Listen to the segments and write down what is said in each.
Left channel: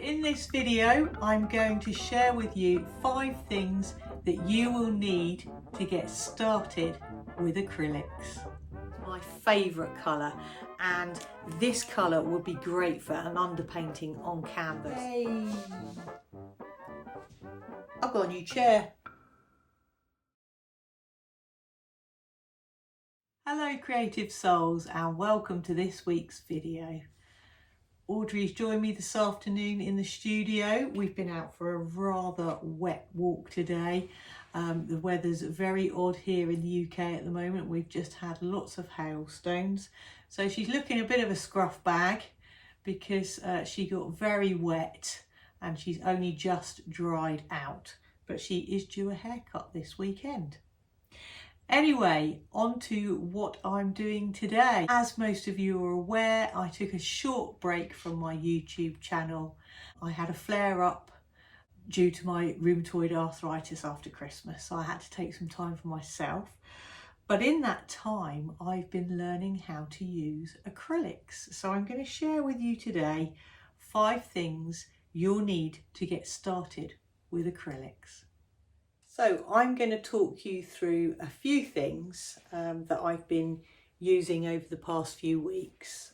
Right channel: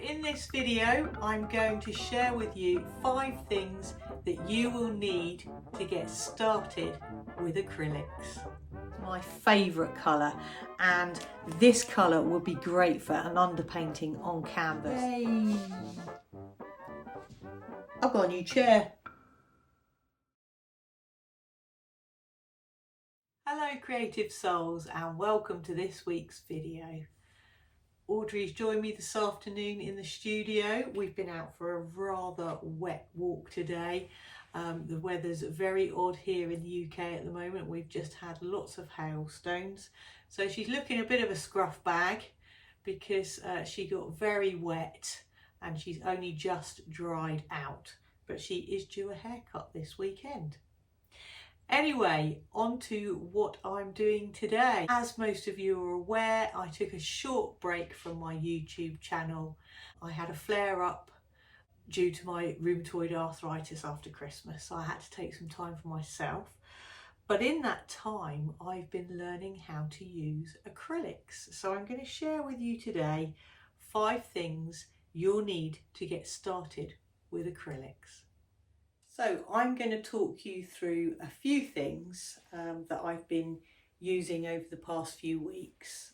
In this video, I'm going to share with you 5 things that you will need to get started with acrylics. My favourite colour, and this colour would be great for an underpainting on canvas. Yay. I've got a new chair. Hello creative souls, and welcome to this week's video. Audrey's joined me this afternoon in the studio. We've been out for a rather wet walk today. The weather's very odd here in the UK at the moment. We've just had lots of hailstones. So she's looking a bit of a scruff bag because she got very wet and she's only just dried out. But she is due a haircut this weekend. Anyway, on to what I'm doing today. As most of you are aware, I took a short break from my YouTube channel. I had a flare up due to my rheumatoid arthritis after Christmas, so I had to take some time for myself. But in that time, I've been learning how to use acrylics. So I'm going to share with you today 5 things you'll need to get started with acrylics. So I'm going to talk you through a few things that I've been using over the past few weeks.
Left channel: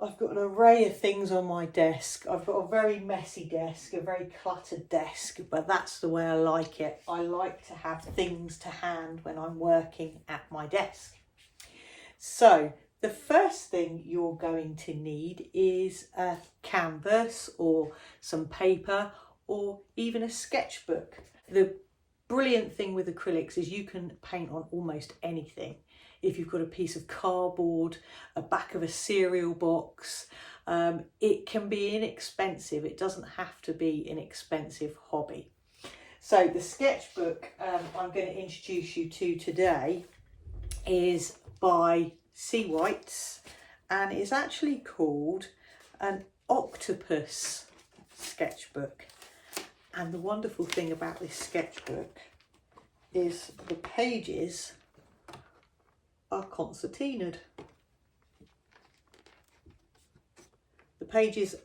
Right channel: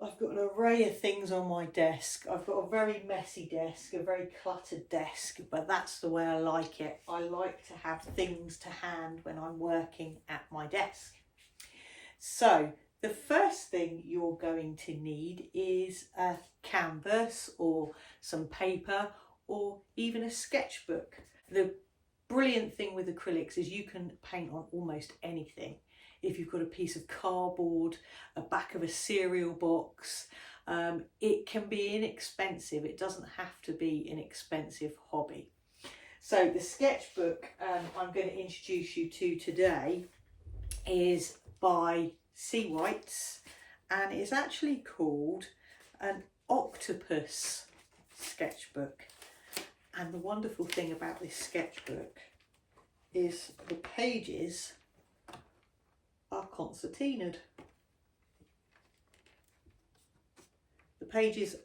I've got an array of things on my desk. I've got a very messy desk, a very cluttered desk, but that's the way I like it. I like to have things to hand when I'm working at my desk. So the first thing you're going to need is a canvas or some paper or even a sketchbook. The brilliant thing with acrylics is you can paint on almost anything. If you've got a piece of cardboard, a back of a cereal box, it can be inexpensive. It doesn't have to be an expensive hobby. So the sketchbook I'm going to introduce you to today is by Sea Whites, and it's actually called an Octopus Sketchbook. And the wonderful thing about this sketchbook is the pages are concertinaed. The pages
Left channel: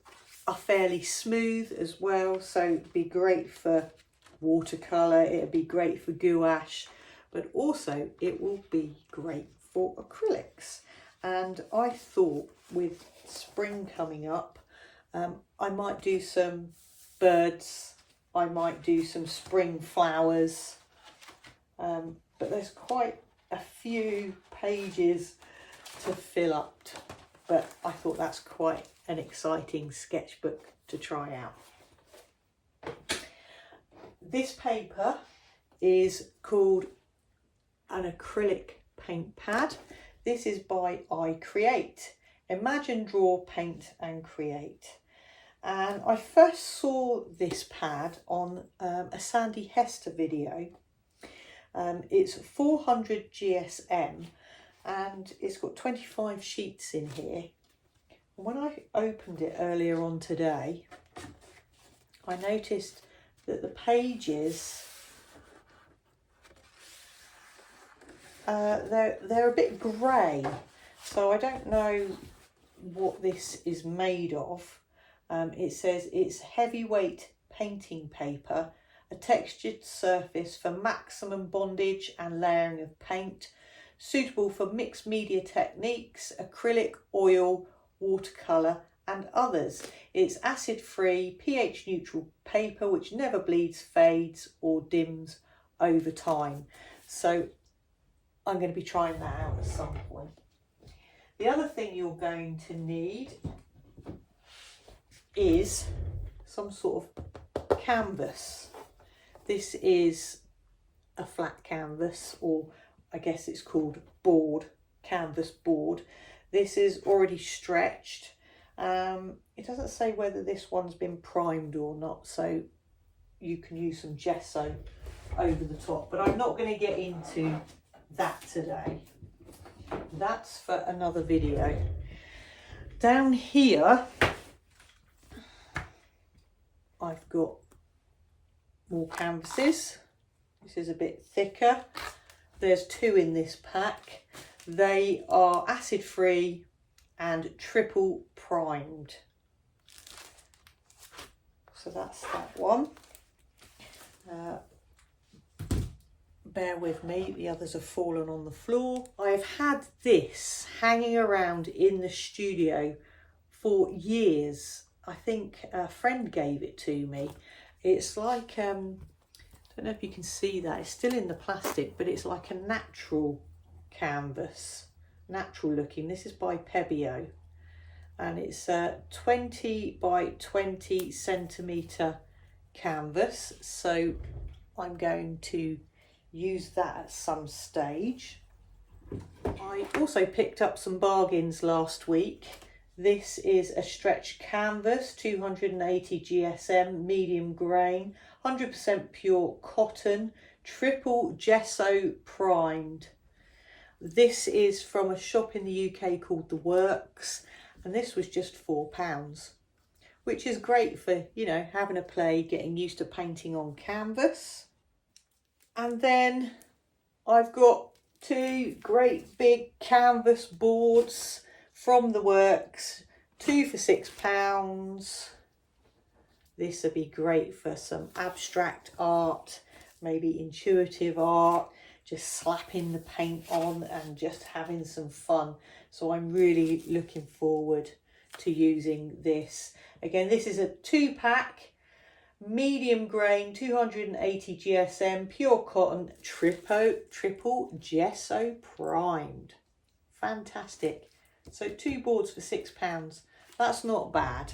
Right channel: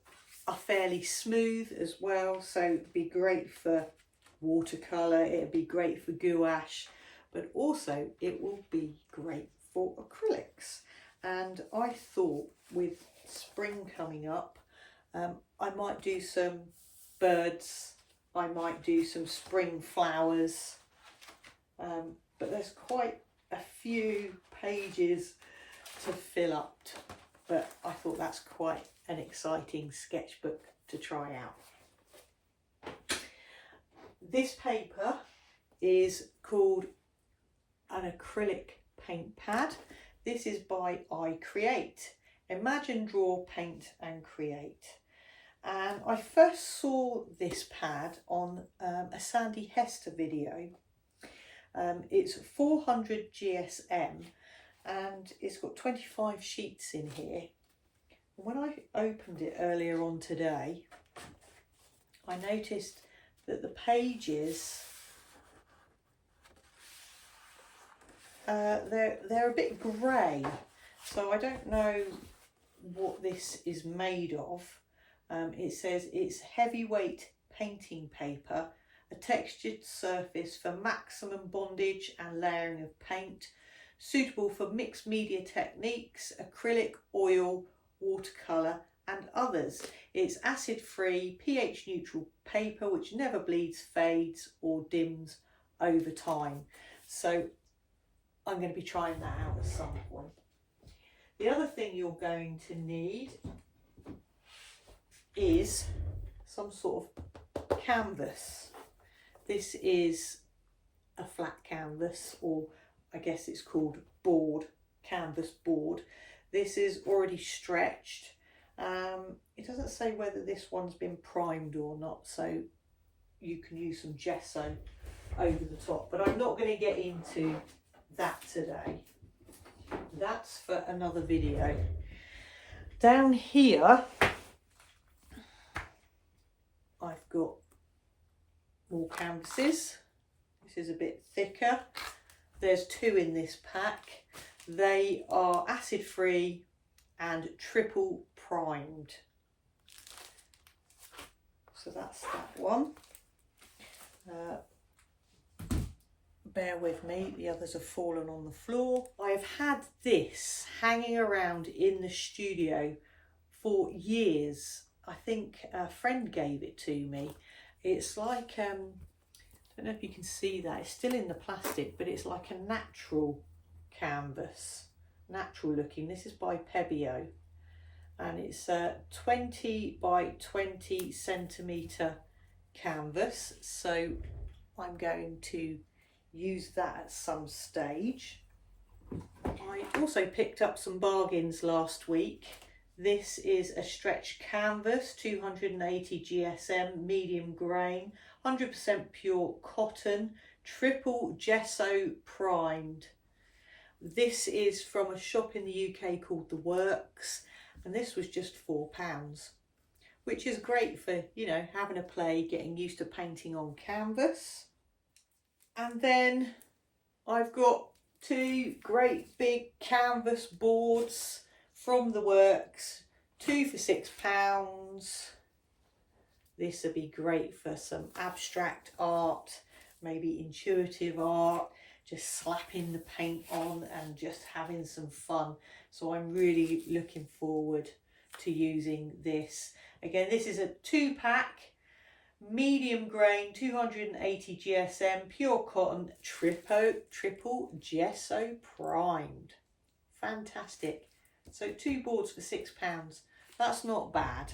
are fairly smooth as well, so it'd be great for watercolour, it'd be great for gouache, but also it will be great for acrylics. And I thought with spring coming up, I might do some birds, I might do some spring flowers, but there's quite a few pages to fill up, but I thought that's quite an exciting sketchbook to try out. This paper is called an acrylic paint pad. This is by Acrylic. Imagine, draw, paint and create. And I first saw this pad on a Sandy Hester video. It's 400 GSM and it's got 25 sheets in here. And when I opened it earlier on today, I noticed that the pages, they're a bit grey. So I don't know what this is made of. It says it's heavyweight painting paper, a textured surface for maximum bondage and layering of paint, suitable for mixed media techniques, acrylic, oil, watercolour and others. It's acid-free, pH-neutral paper which never bleeds, fades or dims over time. So I'm going to be trying that out at some point. The other thing you're going to need is some sort of canvas. This is a flat canvas, or I guess it's called board, canvas board. This is already stretched. It doesn't say whether this one's been primed or not, so you can use some gesso over the top, but I'm not going to get into that today. That's for another video. Down here I've got more canvases. This is a bit thicker. There's 2 in this pack. They are acid free and triple primed. that's that one. Bear with me, the others have fallen on the floor. I've had this hanging around in the studio for years. I think a friend gave it to me. It's like, I don't know if you can see that, it's still in the plastic, but it's like a natural canvas, natural looking. This is by Pebeo, and it's a 20 by 20 centimetre canvas. So I'm going to use that at some stage. I also picked up some bargains last week. This is a stretch canvas, 280 GSM, medium grain, 100% pure cotton, triple gesso primed. This is from a shop in the UK called The Works, and this was just £4, which is great for, you know, having a play, getting used to painting on canvas. And then I've got two great big canvas boards from The Works, two for £6. This would be great for some abstract art, maybe intuitive art, just slapping the paint on and just having some fun. So I'm really looking forward to using this. Again, this is a 2-pack. Medium grain, 280 GSM, pure cotton, triple gesso primed. Fantastic. So 2 boards for £6. That's not bad.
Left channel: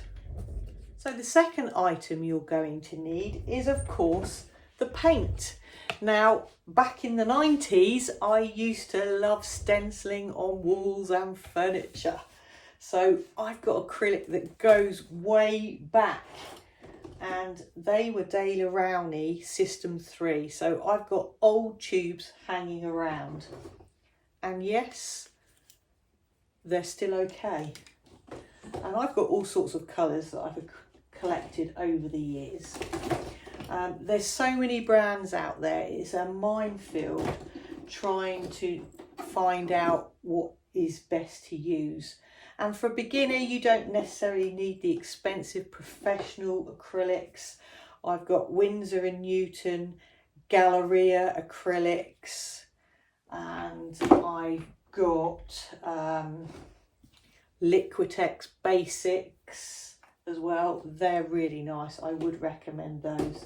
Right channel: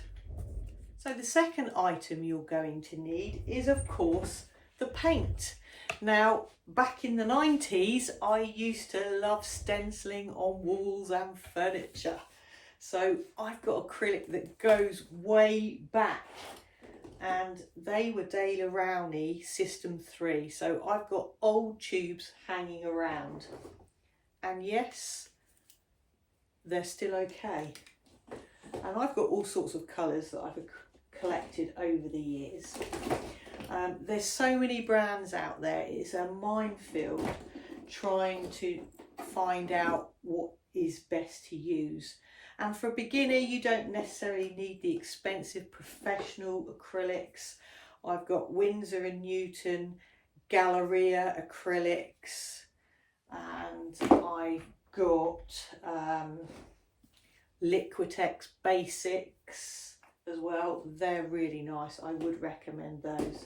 So the second item you're going to need is, of course, the paint. Now, back in the 90s, I used to love stenciling on walls and furniture. So I've got acrylic that goes way back, and they were Daler Rowney System 3. So I've got old tubes hanging around, and yes, they're still okay. And I've got all sorts of colours that I've collected over the years. There's so many brands out there, it's a minefield trying to find out what is best to use. And for a beginner, you don't necessarily need the expensive professional acrylics. I've got Winsor & Newton, Galleria acrylics, and I've got Liquitex Basics as well. They're really nice. I would recommend those.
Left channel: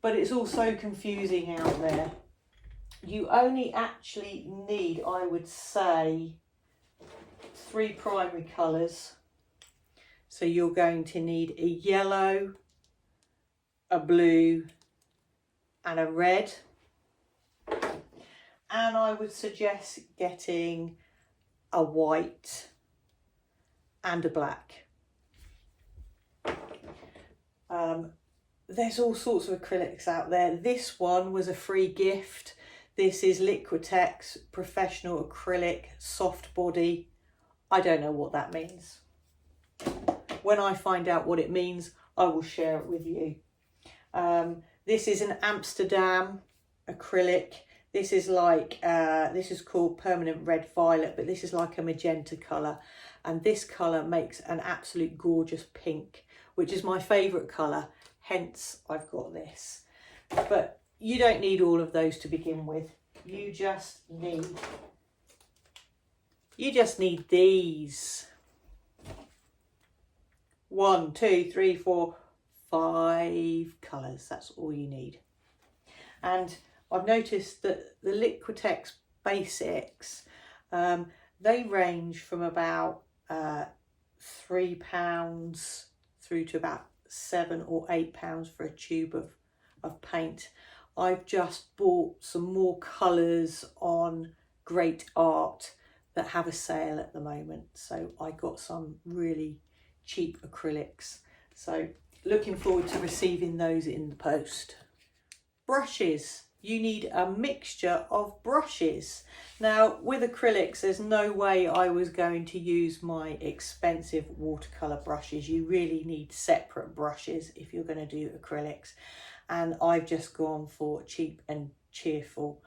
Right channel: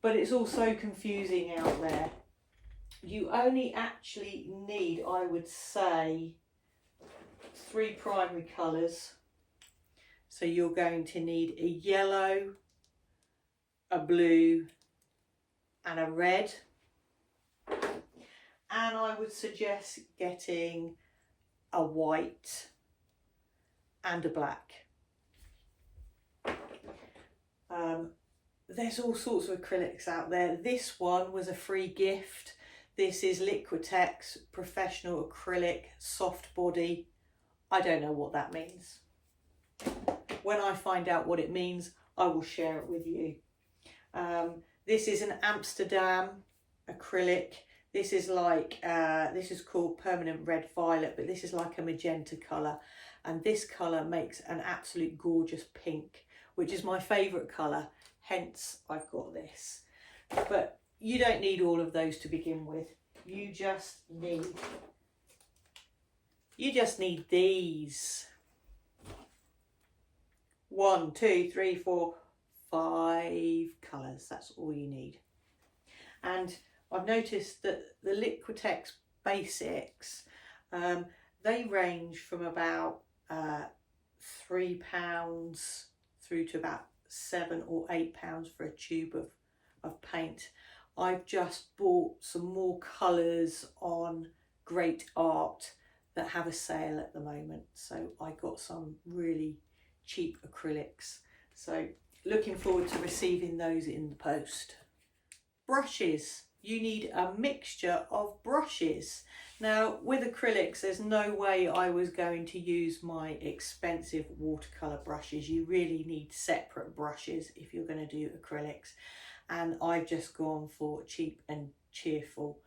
But it's also confusing out there. You only actually need, I would say, 3 primary colours. So you're going to need a yellow, a blue and a red. And I would suggest getting a white and a black. There's all sorts of acrylics out there. This one was a free gift. This is Liquitex Professional Acrylic Soft Body. I don't know what that means. When I find out what it means, I will share it with you. This is an Amsterdam acrylic. This is like, this is called Permanent Red Violet, but this is like a magenta colour. And this colour makes an absolute gorgeous pink, which is my favourite colour. Hence, I've got this. But you don't need all of those to begin with. You just need these. 1, 2, 3, 4, 5 colours. That's all you need. And I've noticed that the Liquitex Basics, they range from about £3 through to about £7 or £8 for a tube of paint. I've just bought some more colours on Great Art that have a sale at the moment. So I got some really cheap acrylics. So looking forward to receiving those in the post. Brushes. You need a mixture of brushes. Now with acrylics, there's no way I was going to use my expensive watercolour brushes. You really need separate brushes if you're going to do acrylics. And I've just gone for cheap and cheerful.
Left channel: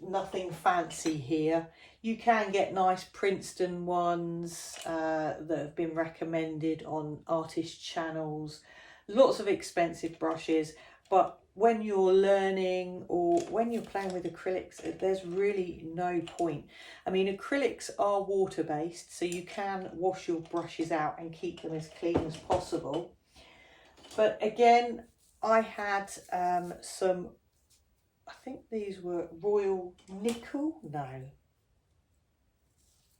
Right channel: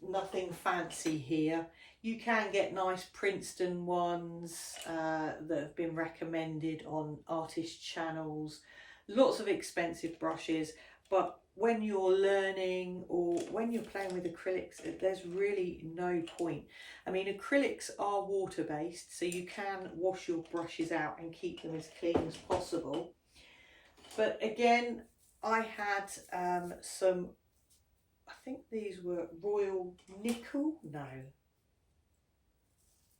Nothing fancy here. You can get nice Princeton ones that have been recommended on artist channels. lots of expensive brushes, but when you're learning or when you're playing with acrylics, there's really no point. I mean, acrylics are water-based, so you can wash your brushes out and keep them as clean as possible. But again, I had some, I think these were Royal Nickel, no,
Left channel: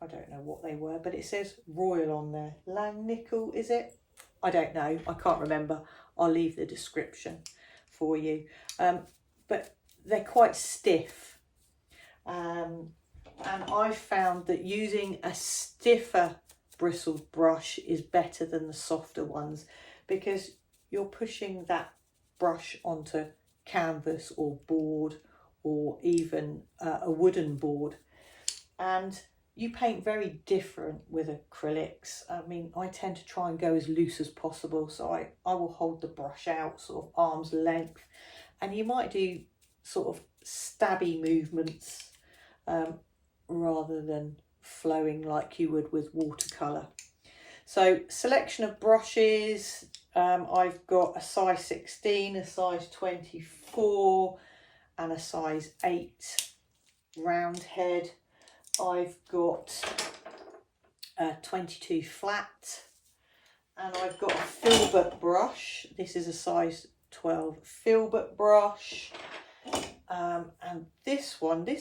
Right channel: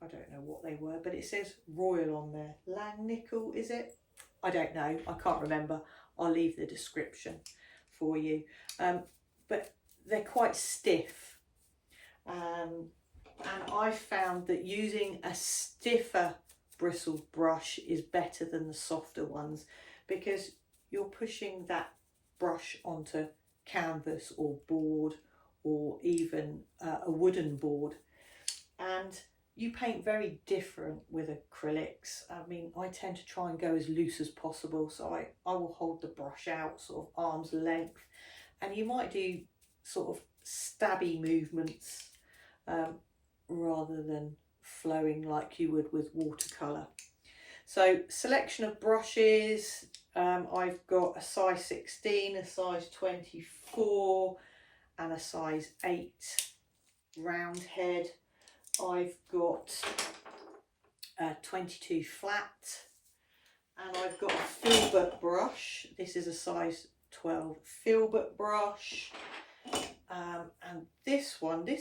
I don't know what they were, but it says Royal on there. Lang Nickel, is it? I don't know, I can't remember. I'll leave the description for you. But they're quite stiff. And I found that using a stiffer bristled brush is better than the softer ones, because you're pushing that brush onto canvas or board, or even a wooden board. And you paint very different with acrylics. I mean, I tend to try and go as loose as possible, so I will hold the brush out sort of arm's length, and you might do sort of stabby movements rather than flowing like you would with watercolour. So selection of brushes, I've got a size 16, a size 24 and a size 8 round head. I've got a 22 flat, and I've got a filbert brush. This is a size 12 filbert brush, and this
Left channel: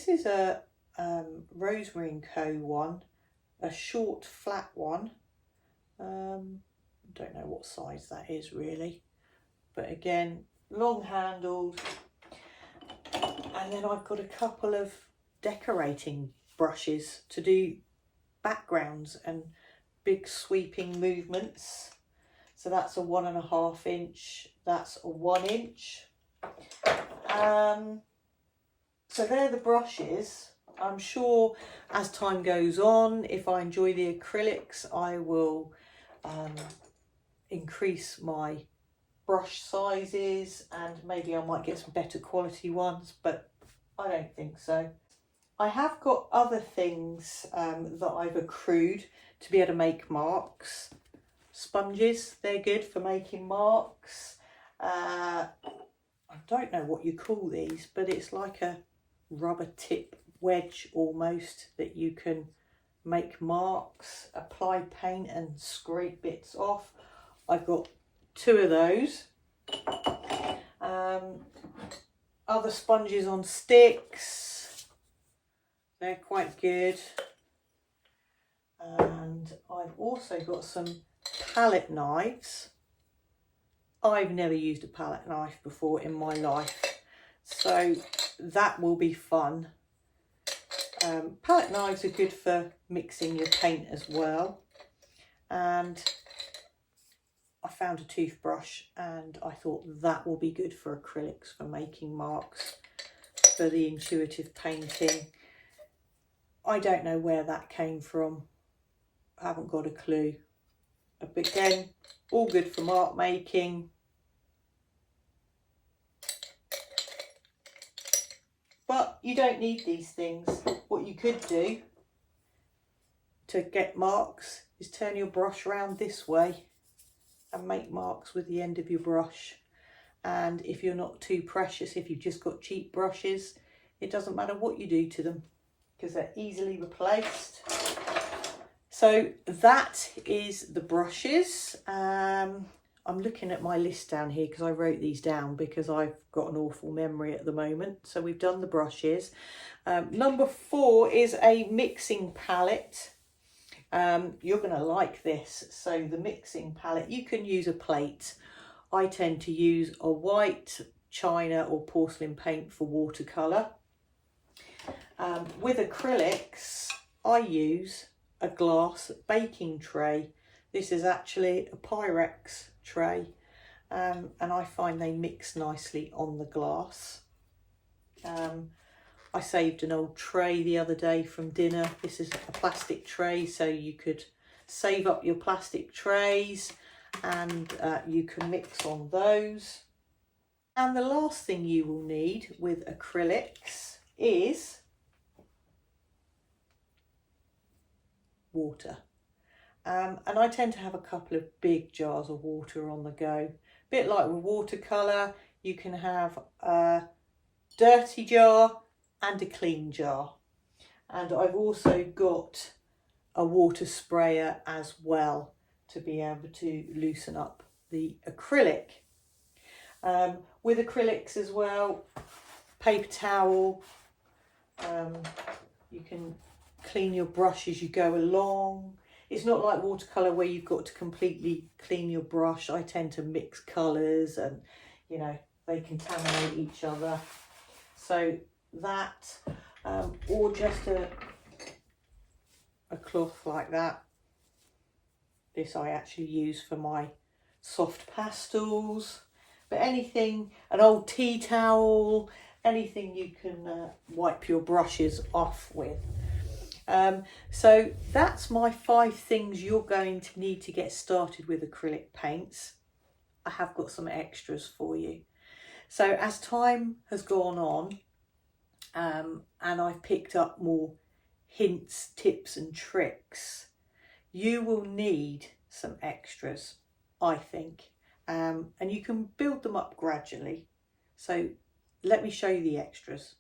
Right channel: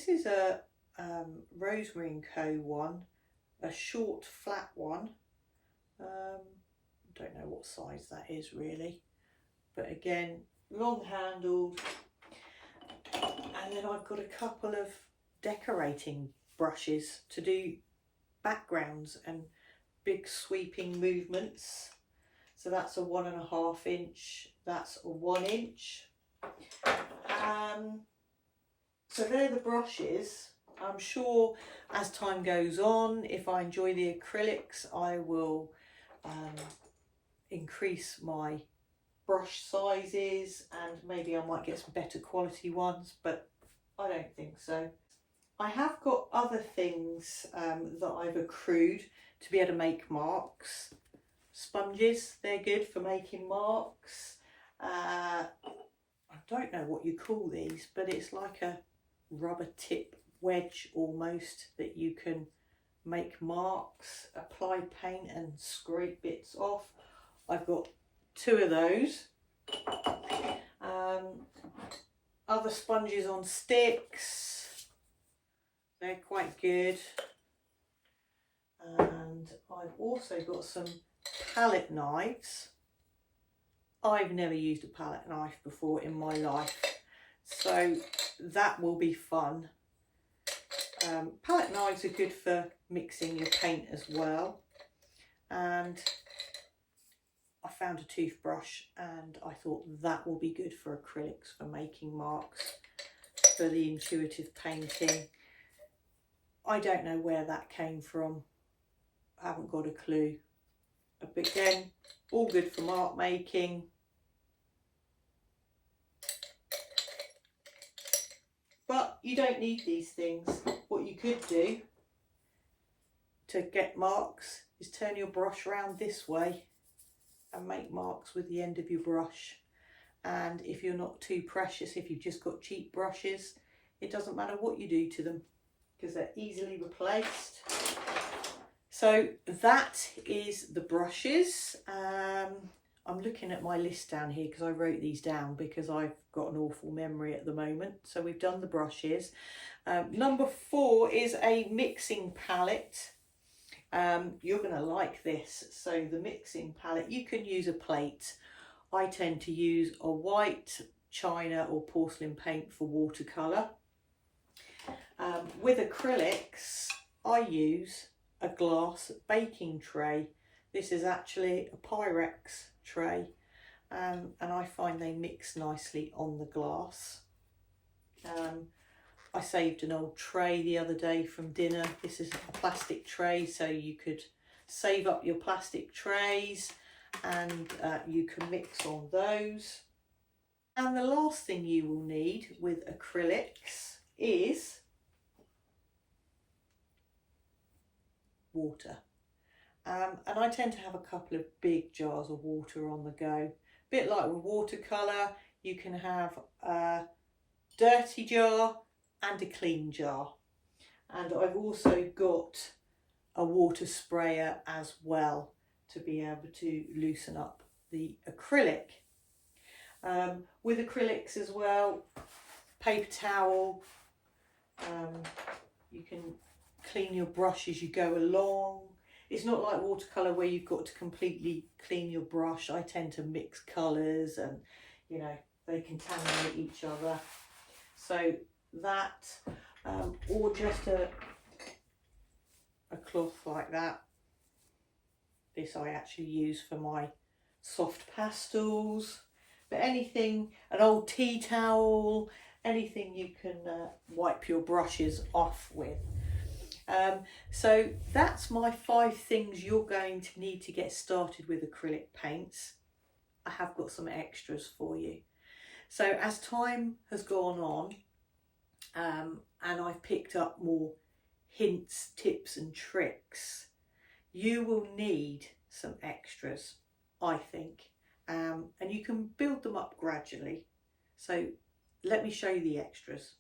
is a Rosemary & Co one, a short flat one. Don't know what size that is really, but again, long handled. And then I've got a couple of decorating brushes to do backgrounds and big sweeping movements. So that's a 1.5 inch, that's a 1 inch. So they're the brushes. I'm sure as time goes on, if I enjoy the acrylics, I will increase my brush sizes, and maybe I might get some better quality ones, but I don't think so. I have got other things that I've accrued to be able to make marks. Sponges, they're good for making marks. I don't know what you call these, but it's like a rubber tip wedge almost that you can make marks, apply paint and scrape bits off. I've got 2 of those. Other sponges on sticks, they're quite good. And I've also got some palette knives. I've never used a palette knife before in my life, so that will be fun. Palette knives are good for mixing your paint as well. And I found a toothbrush, and I thought that will be good for acrylics, for making marks, for the intuitive painting. I don't know where that came from. I haven't got a clue. But again, all good for mark making. But you don't need these things. What you could do to get marks is turn your brush around this way and make marks with the end of your brush. And if you're not too precious, if you've just got cheap brushes, it doesn't matter what you do to them because they're easily replaced. So that is the brushes. I'm looking at my list down here because I wrote these down because I've got an awful memory at the moment. So we've done the brushes. Number 4 is a mixing palette. You're going to like this. So the mixing palette, you can use a plate. I tend to use a white china or porcelain paint for watercolour. With acrylics, I use a glass baking tray. This is actually a Pyrex tray, and I find they mix nicely on the glass. I saved an old tray the other day from dinner. This is a plastic tray, so you could save up your plastic trays and you can mix on those. And the last thing you will need with acrylics is water. And I tend to have a couple of big jars of water on the go bit like with watercolour, you can have a dirty jar and a clean jar. And I've also got a water sprayer as well to be able to loosen up the acrylic. With acrylics as well, paper towel, you can clean your brush as you go along. It's not like watercolour where you've got to completely clean your brush. I tend to mix colours and, you know, they contaminate each other. So that, or just a cloth like that. This I actually use for my soft pastels. But anything, an old tea towel, anything you can wipe your brushes off with. So that's my 5 things you're going to need to get started with acrylic paints. I have got some extras for you. So as time has gone on, and I've picked up more hints, tips and tricks, you will need some extras, I think. And you can build them up gradually. So let me show you the extras.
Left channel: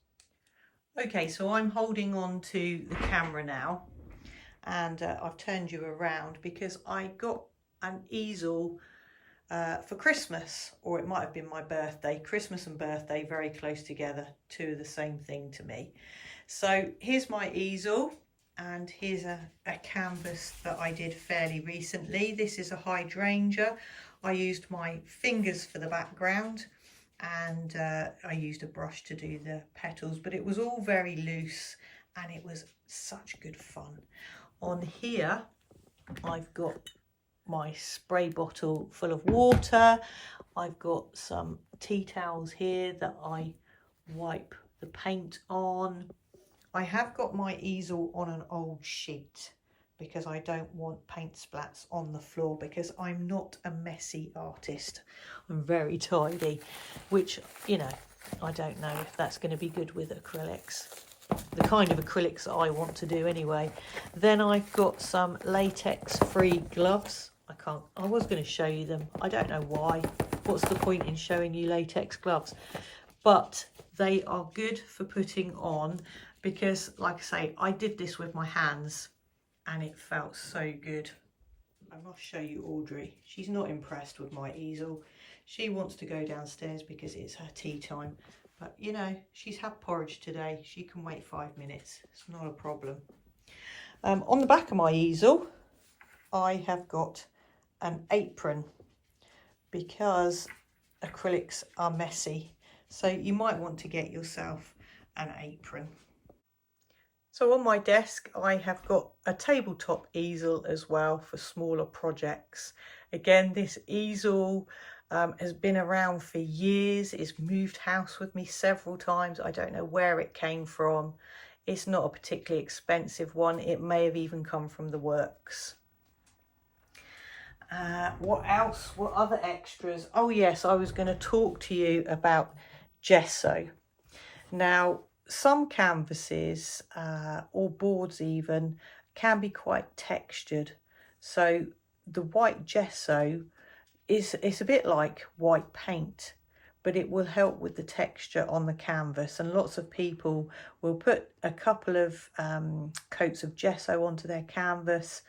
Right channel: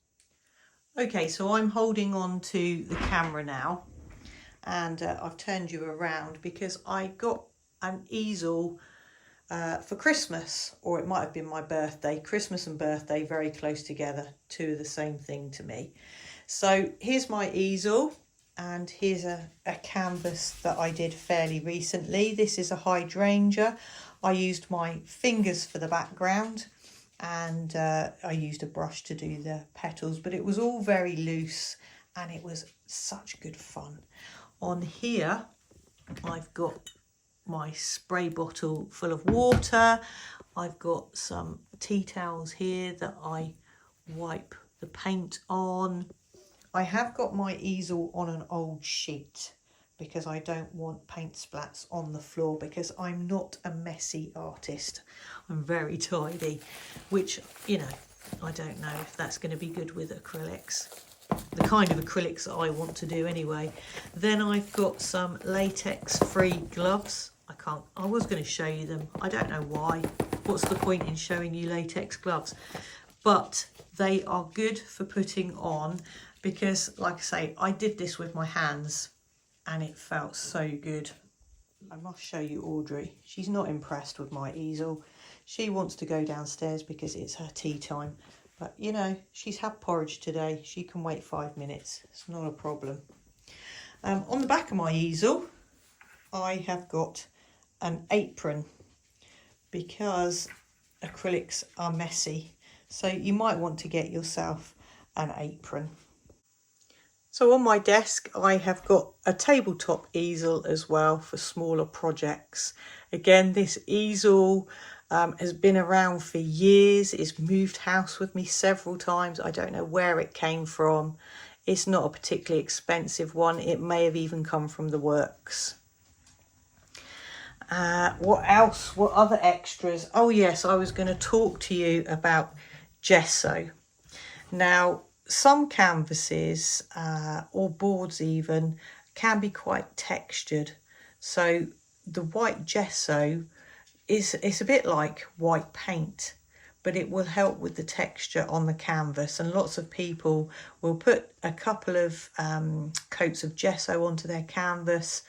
Okay, so I'm holding on to the camera now, and I've turned you around because I got an easel for Christmas, or it might have been my birthday. Christmas and birthday very close together, 2 of the same thing to me. So here's my easel, and here's a canvas that I did fairly recently. This is a hydrangea. I used my fingers for the background, and I used a brush to do the petals, but it was all very loose and it was such good fun. On here I've got my spray bottle full of water. I've got some tea towels here that I wipe the paint on. I have got my easel on an old sheet because I don't want paint splats on the floor, because I'm not a messy artist. I'm very tidy, which, you know, I don't know if that's going to be good with acrylics. The kind of acrylics that I want to do anyway. Then I've got some latex-free gloves. I was going to show you them. I don't know why. What's the point in showing you latex gloves? But they are good for putting on because, like I say, I did this with my hands and it felt so good. I must show you Audrey. She's not impressed with my easel. She wants to go downstairs because it's her tea time. But, you know, she's had porridge today. She can wait 5 minutes. It's not a problem. On the back of my easel, I have got an apron because acrylics are messy. So you might want to get yourself an apron. So on my desk, I have got a tabletop easel as well for smaller projects. Again, this easel has been around for years. It's moved house with me several times. I don't know where it came from. It's not a particularly expensive one. It may have even come from the works. What else? What other extras? Oh yes, I was going to talk to you about gesso. Now, some canvases or boards even can be quite textured. So the white gesso it's a bit like white paint, but it will help with the texture on the canvas. And lots of people will put a couple of coats of gesso onto their canvas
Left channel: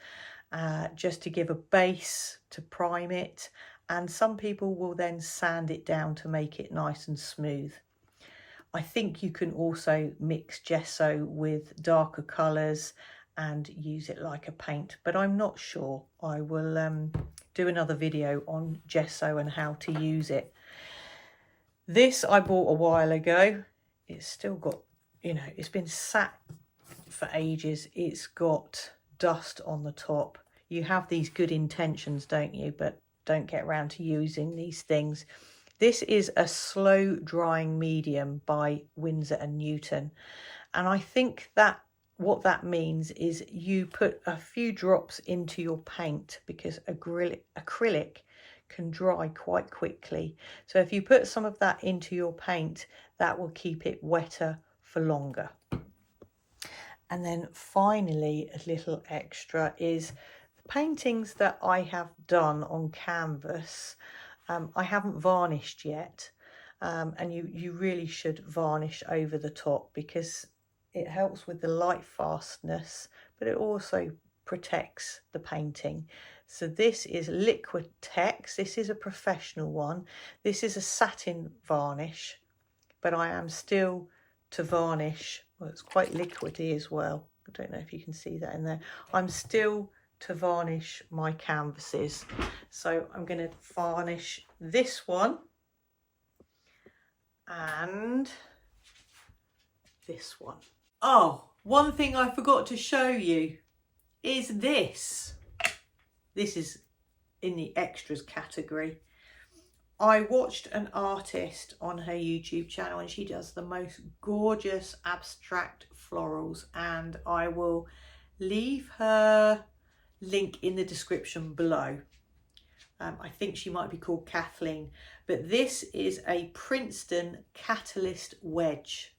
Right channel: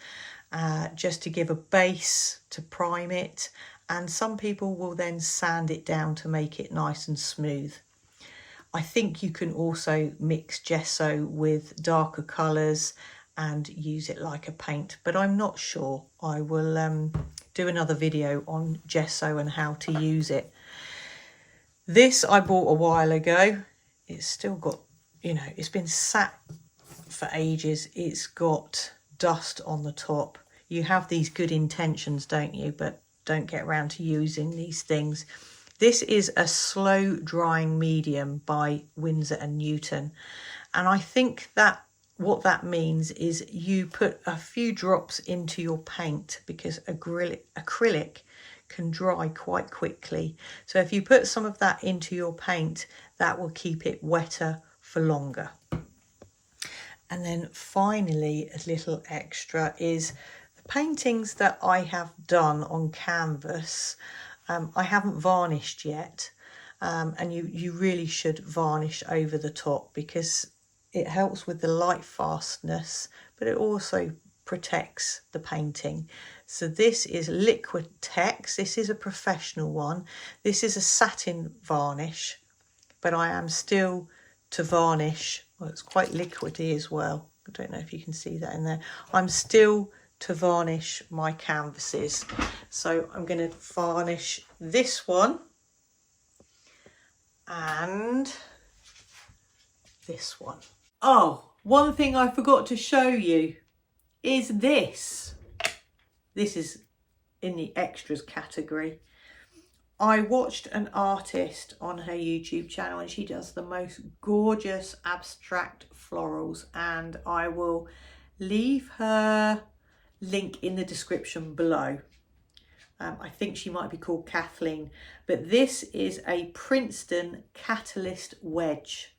just to give a base to prime it. And some people will then sand it down to make it nice and smooth. I think you can also mix gesso with darker colours and use it like a paint, but I'm not sure. I will do another video on gesso and how to use it. This I bought a while ago. It's still got, you know, it's been sat for ages. It's got dust on the top. You have these good intentions, don't you? But don't get around to using these things. This is a slow drying medium by Winsor & Newton. And I think that what that means is you put a few drops into your paint because acrylic can dry quite quickly. So if you put some of that into your paint, that will keep it wetter for longer. And then finally, a little extra is the paintings that I have done on canvas. I haven't varnished yet, and you really should varnish over the top because it helps with the light fastness, but it also protects the painting. So this is Liquitex. This is a professional one. This is a satin varnish, but I am still to varnish. Well, it's quite liquidy as well. I don't know if you can see that in there. I'm still to varnish my canvases. So I'm going to varnish this one and this one. Oh, one thing I forgot to show you is this. This is in the extras category. I watched an artist on her YouTube channel and she does the most gorgeous abstract florals, and I will leave her link in the description below. I think she might be called Kathleen, but this is a Princeton Catalyst wedge,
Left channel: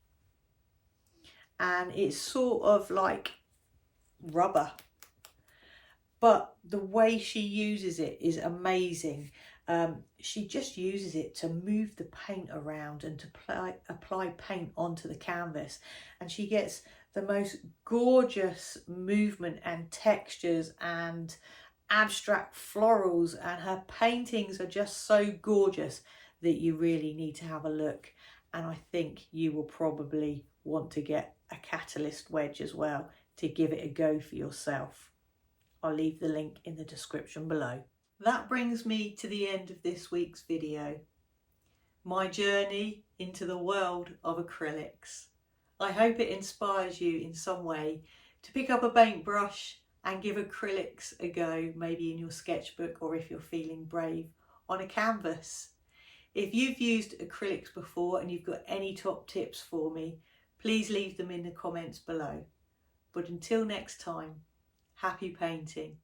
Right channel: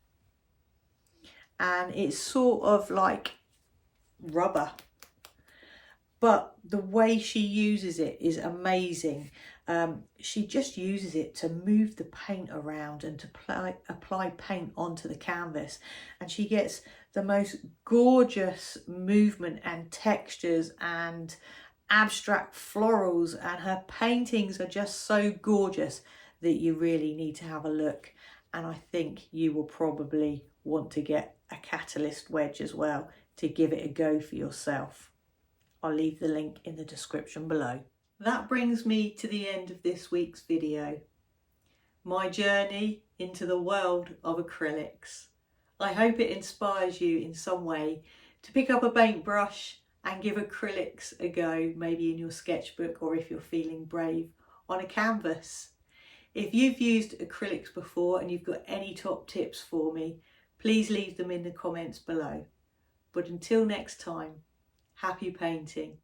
and it's sort of like rubber, but the way she uses it is amazing. She just uses it to move the paint around and to apply paint onto the canvas, and she gets the most gorgeous movement and textures and abstract florals, and her paintings are just so gorgeous that you really need to have a look. And I think you will probably want to get a Catalyst wedge as well to give it a go for yourself. I'll leave the link in the description below. That brings me to the end of this week's video. My journey into the world of acrylics. I hope it inspires you in some way to pick up a paintbrush and give acrylics a go, maybe in your sketchbook, or if you're feeling brave, on a canvas. If you've used acrylics before and you've got any top tips for me, please leave them in the comments below. But until next time, happy painting.